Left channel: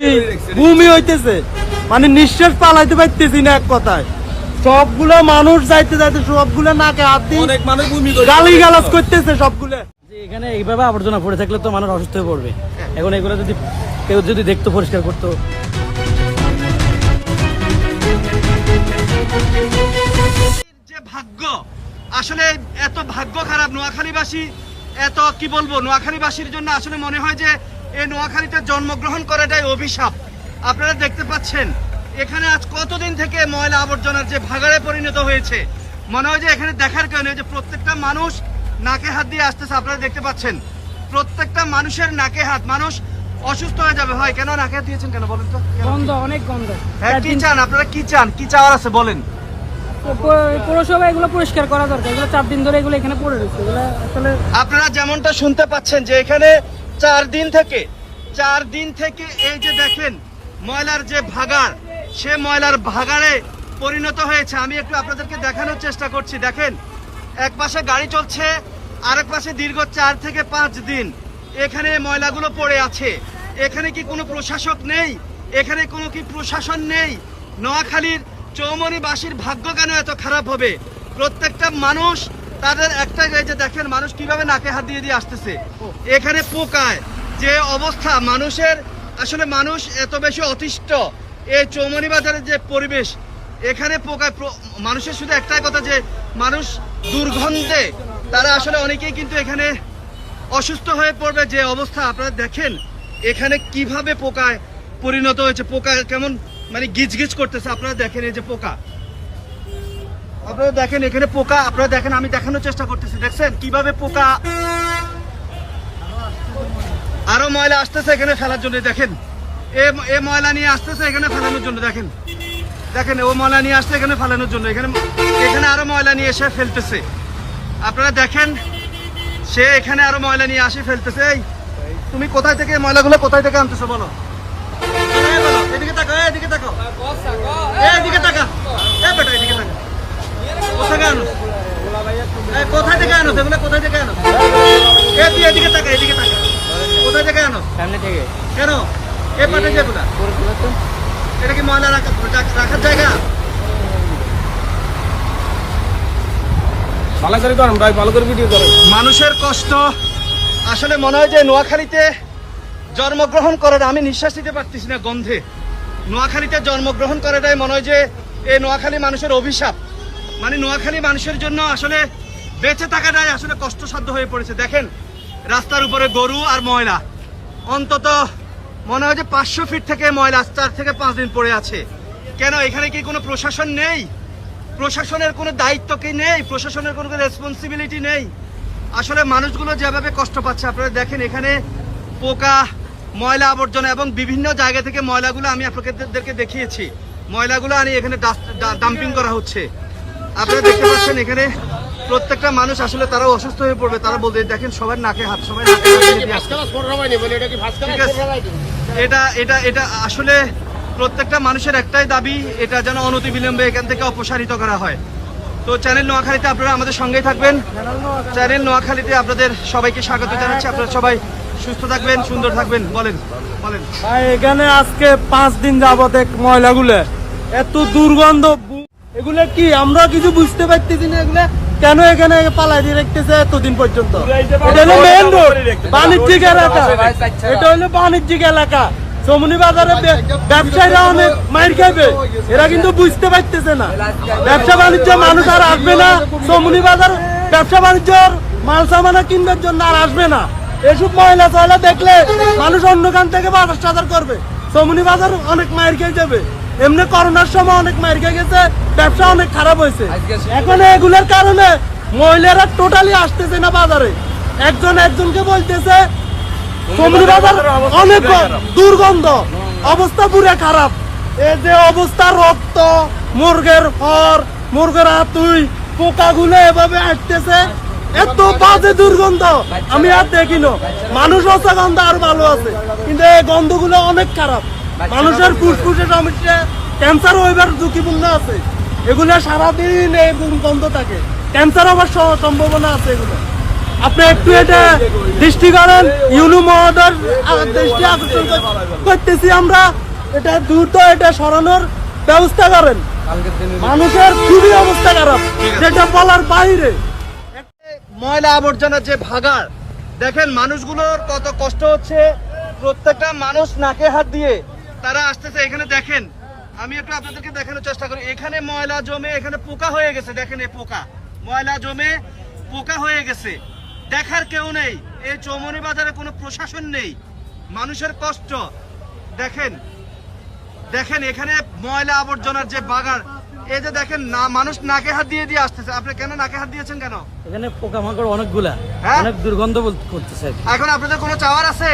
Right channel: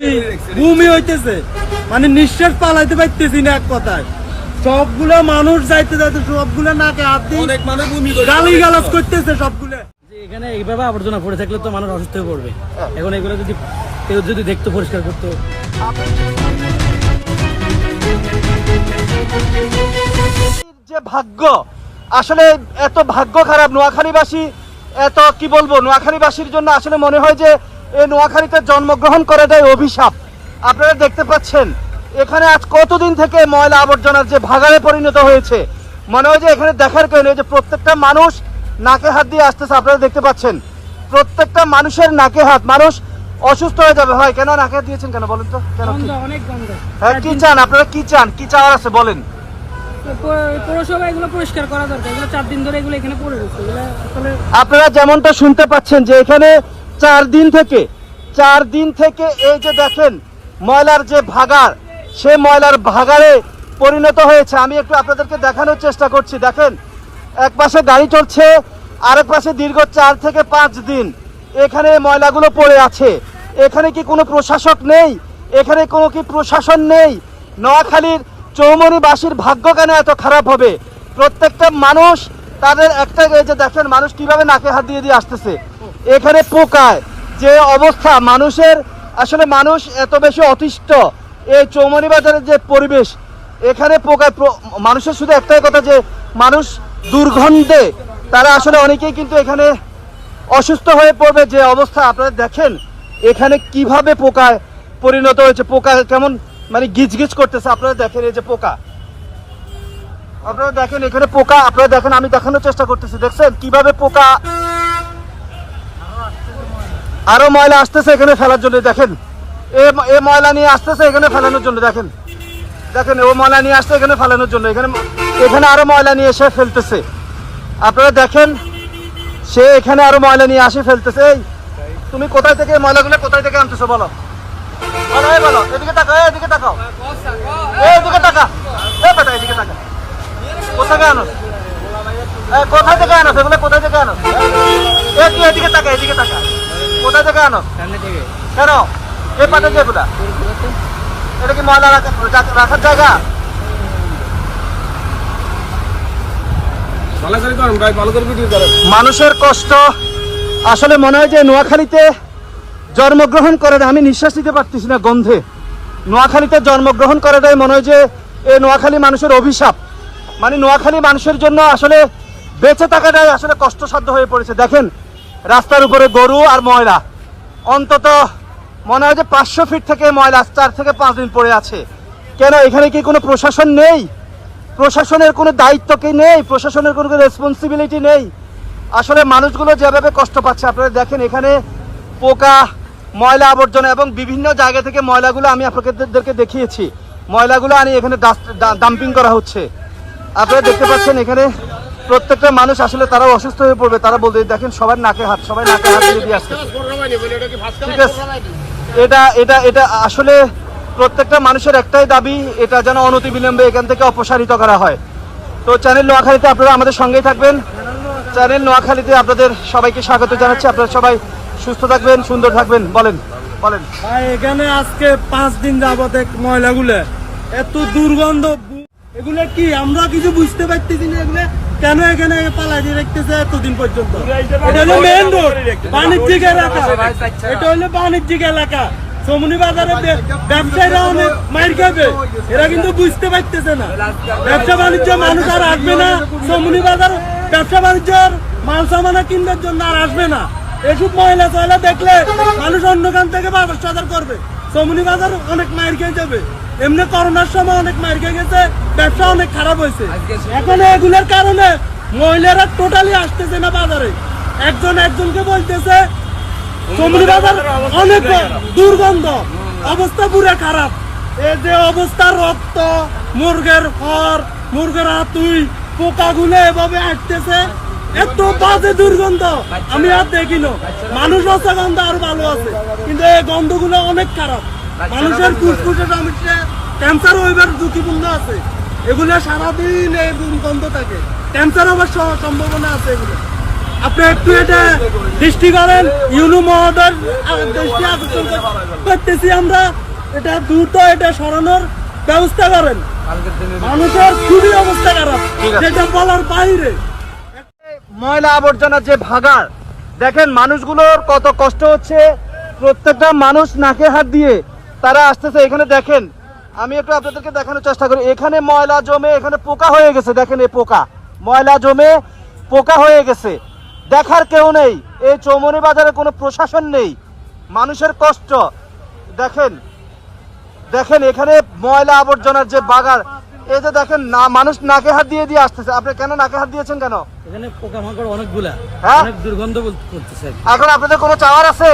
ভূমি হইতেছে, মানে নিঃশ্বাস পালাইতে পারতেছি না এক কথায়। সবগুলো মানুষ যাইতে যাইতে সবগুলো নাকে হাত দিয়ে অনেক মানুষ গালি গালাজ করতেছে সবগুলো। এখানে এইভাবে আবর্জনা পড়ে থাকলে তো মানুষ অসুস্থ হয়ে পড়বে। এখন এগুলো যদি কেউ যদি দেখতো, পরিষ্কার করতো। যে ভাগ্য, আসলে এত ভাগ্য খারাপ নোয়াখালীবাসী, এত কি বলবো, নোয়াখালীবাসীর জন্য আসলে মনে হয় যে এই নোয়াখালীতে জন্মগ্রহণ করাটাই অভিশাপ। আপনারা দেখতে পাচ্ছেন এখানে আজ কতদিন থেকে ময়লা আবর্জনার যে ভাগাড়ে পরিণত হয়েছে, মনে হয় যে এখানে দেখার কেউ নেই। যে প্রত্যেকটা মানুষ নাকে হাত দিয়ে আসতেছে, আপনারা দেখতে পাচ্ছেন প্রত্যেকটা মানুষের নাকে হাত। মানুষ অসুস্থ হয়ে যাবে। হয় কেন নাকে হাত দিয়েছেন কেন বলেন তো? গন্ধ, অনেক গন্ধ। হ্যাঁ, কি চান আপনারা, কি চান, কি চাওয়ার আছে বলেন? পৌরসভা এগুলো পরিষ্কার করা দরকার। এগুলো 4 দিন ধরে এগুলো এখানে পড়ে রয়েছে। এগুলো আসলে আপনারা যেমনটা শুনতে পাচ্ছেন যে এখানে 4 দিন থেকে এই যে দেখেন ময়লার যে ভাগাড়, সে ময়লার ভাগাড়ে পরিণত হয়েছে। আমি একটু আপনাদেরকে দেখানোর চেষ্টা করছি। দেখেন এক পাশে গাড়ি চলছে, আরেক পাশে দীর্ঘ 4 থেকে 5 দিন এখানে ময়লাগুলো পড়ে আছে। এখানে কি কোনো প্রশাসক নেই? এখানে কোনো কি প্রশাসন নেই? নোয়াখালীর চৌমনিবাসীর ভাগ্য কেন এত খারাপ হবে? প্রত্যেকটা মানুষ তাদের একটা, এই যে দেখেন মানুষ কিভাবে নাকে হাত দিয়ে দিয়ে আসতেছে। এখানে পোকায় যে অবস্থা মানুষের, আসলে মানুষ এত বেশি অতিষ্ঠ। এই চৌমনিবাজারের যে পরিবেশ, এখানে পোকায় মানুষের শুধু একটাই কথা যে মানুষ দুর্গন্ধে তারা আসলে অনেকেই কিন্তু এখানে অসুস্থ হয়ে পড়বে। যে অবস্থা আপনারা দেখেন এখানে কিভাবে পোকায় পরিণত হয়েছে, পোকা কেমন মানে গিজগিজ করতেছে। আপনারা দেখেন এই যে পোকা, আপনারা দেখেন এখানে পোকা, আপনারা দেখেন, আমি দেখানোর চেষ্টা করতেছি। দেখছেন কিভাবে পোকা, আরো ময়লা আসতেছে এখানে ফেলার জন্য। দেখেন এ ময়লা নিয়ে আসতেছে এখানে ফেলানোর জন্য। দেখেন দেখেন ও ময়লা নিয়ে আসছে এখানে ফেলানোর জন্য। এখানে আরো ময়লা নিয়ে এসে ফেলতেছে। আপনারা দেখেন সে এখানে আরো ময়লা নিয়ে আসে ফেলতেছে। এই তুমি কোথায় থেকে ময়লাগুলো কোথায় থেকে আনতেছো বলো? বলো, এদিকে তাকাও, এদিকে তাকাও, এদিকে তাকা, বেটা এদিকে তাকা। কোথায় আনো? কোথায় থেকে আনো এগুলো? কোথায় থেকে আনো? এদিকে তাকা, এদিকে তাকা। কোথায় থেকে আনো? সামনে থেকে। কেন এই পাটে যেগুলা, এটা কি ময়লা রাখার জায়গা? মানুষের কষ্ট, আসলে মনে হয় যে নোয়াখালীতে জন্মগ্রহণ করে, আমি নিঃশ্বাস নিতে পারতেছি না গন্ধে। নোয়াখালীতে জন্মগ্রহণ করাটাই মনে হয় যে এই নোয়াখালী মানুষের অভিশাপ। মানে নোয়াখালী মানুষের জন্য আসলে বেঁচে থাকাটাই আসলে কষ্টসাধ্য হয়ে পড়েছে। দেখেন রাস্তার উপরে গরু আর ময়লা, অন্তত মনে হয় যে 500 ফিট থেকে ময়লা 4 থেকে 5 দিন পড়ে আছে। কেন এখানে কি কোনো প্রশাসন নেই? প্রশাসনের কোনো দায়িত্ব কি নেই? প্রশাসনের কোনো রেসপন্সিবিলিটি নেই? আসলে মানুষগুলো যেভাবে কষ্ট পাচ্ছে আপনারা দেখেন, এখানে পোকা, ময়লা আবর্জনা এবং বিভিন্ন জায়গা থেকে ময়লাগুলো আমি আপনাদেরকে দেখিয়েছি। ময়লাগুলো আনি এখানে ডাম্পিং করা হচ্ছে। আপনারা দেখতে পাচ্ছেন এখানে প্রত্যেকটা মানুষ আসলে তারাও অসুস্থ হয়ে পড়বে। তারা বলতে দেখেন সবার নাকে হাত, সবাই নাকে হাত দিয়ে আসছে। ঠিক আছে, এটা আসলে প্রত্যেকটা মানুষের একটাই দাবি, এটা যেন অনতিবিলম্বে এখান থেকে অপসারিত করা হয়। তো চ্যানেল নোয়াখালীতে আপনারা আমাদের সঙ্গেই থাকবেন। চ্যানেল নোয়াখালীতে আপনাদের সবাইকে স্বাগত জানাচ্ছি। আপনারা সবাই সুস্থ থাকবেন, সুন্দর থাকবেন। বলেন বলেন ভাই, এখানে আজকে 5 দিন যাবত ময়লাগুলো এত দুর্গন্ধ, এগুলো কি আমরা কিছু বুঝতে পারতেছি না। এগুলো কেন এখানে পালাই দিয়ে রাখতেছে এতদিন পর্যন্ত? এটা হলো মেইন রোড, বাণিজ্যিক এলাকা। এটা হলো বাণিজ্যিক এলাকা। চৌমনি বাজারে ব্যবসায়ীরা অনেক মাইর খাবে, এরা কিন্তু বুঝতে পারতেছে না। ব্যবসা বাণিজ্য মানুষ আর আসবে না চৌমনি বাজার, ব্যবসা বাণিজ্যর মাল সামানা কিনবার জন্য আর আসবে না। এসব ময়লা টয়লা দেখলে মানুষ অন্য খান থেকে বাজার সাজার করবে। চৌমনি বাজার অনেক মাইর খেয়ে যাবে। এমনি করোনার সময় অনেক মাইর খেয়ে গেছে, ব্যবসা অনেক খারাপ হয়েছে। এখন এগুলোর কারণে মহিলারা টোটালি আসতেছে না বাজারে। একজনকে বলতেছে চৌমনি বাজার অনেক দুর্গন্ধ, অবস্থা পুরো খারাপ। এই যে অবস্থা, রক্ত, মুরগের খড়, মুরগের হাতুই, পোকাগুলো এভাবে আসতেছে, এত বাজে দুর্গন্ধ আমি আর দেখিনো। মানুষ আছে গন্ধ আর ভালো আছে, কিন্তু এই গন্ধগুলো অনেক খারাপ। মানুষের ফুসফুসে সমস্যা, ক্যান্সার হইবার ঝুঁকিপূর্ণ আছে। এগুলো সারাদিন এই গন্ধ থাকে, ক্যান্সার হওয়ার সম্ভাবনা আছে। এগুলো আপনি একটু এটা দৃষ্টি করেন, ইউনু মহোদয় দৃষ্টি আকর্ষণ করেন। করতেছি আমরা, এটা দ্রুত এটা সরানোর ব্যবস্থা করেন। মানুষের খুবই অবস্থা খারাপ, ঠিক আছে। যেটা বলার বাইরে। ময়লা আবর্জনার যে ভাগাড়, দেখেন মানুষগুলোর কত কষ্ট হচ্ছে। প্রত্যেকটা মানুষ নাকে হাত দিয়ে তারা আসতেছে। এখানে দেখেন, আমি একটু আপনাদেরকে দেখানোর চেষ্টা করি। এখানে ময়লা জমে এখানে পোকা হয়ে গেছে। দেখেন এই পোকা, ময়লা জমে পোকা হয়ে গেছে। দেখার কেউ নেই, এই চৌমনি বাজারে কোনো প্রশাসন নেই। মানুষের কষ্ট দেখেন, দেখেন এখানে ময়লা আবর্জনার যে বাগার, এই যে দেখেন না, মানুষ নাকে হাত দিয়ে দিয়ে আসতেছে। আপনি কেন নাকে হাত দিয়েছেন কেন? এখানে পোকামাকড় অনেকগুলা, হ্যাঁ? অনেক দুর্গন্ধ করতেছে। এখন আপনাদের কোনো চাওয়ার আছে?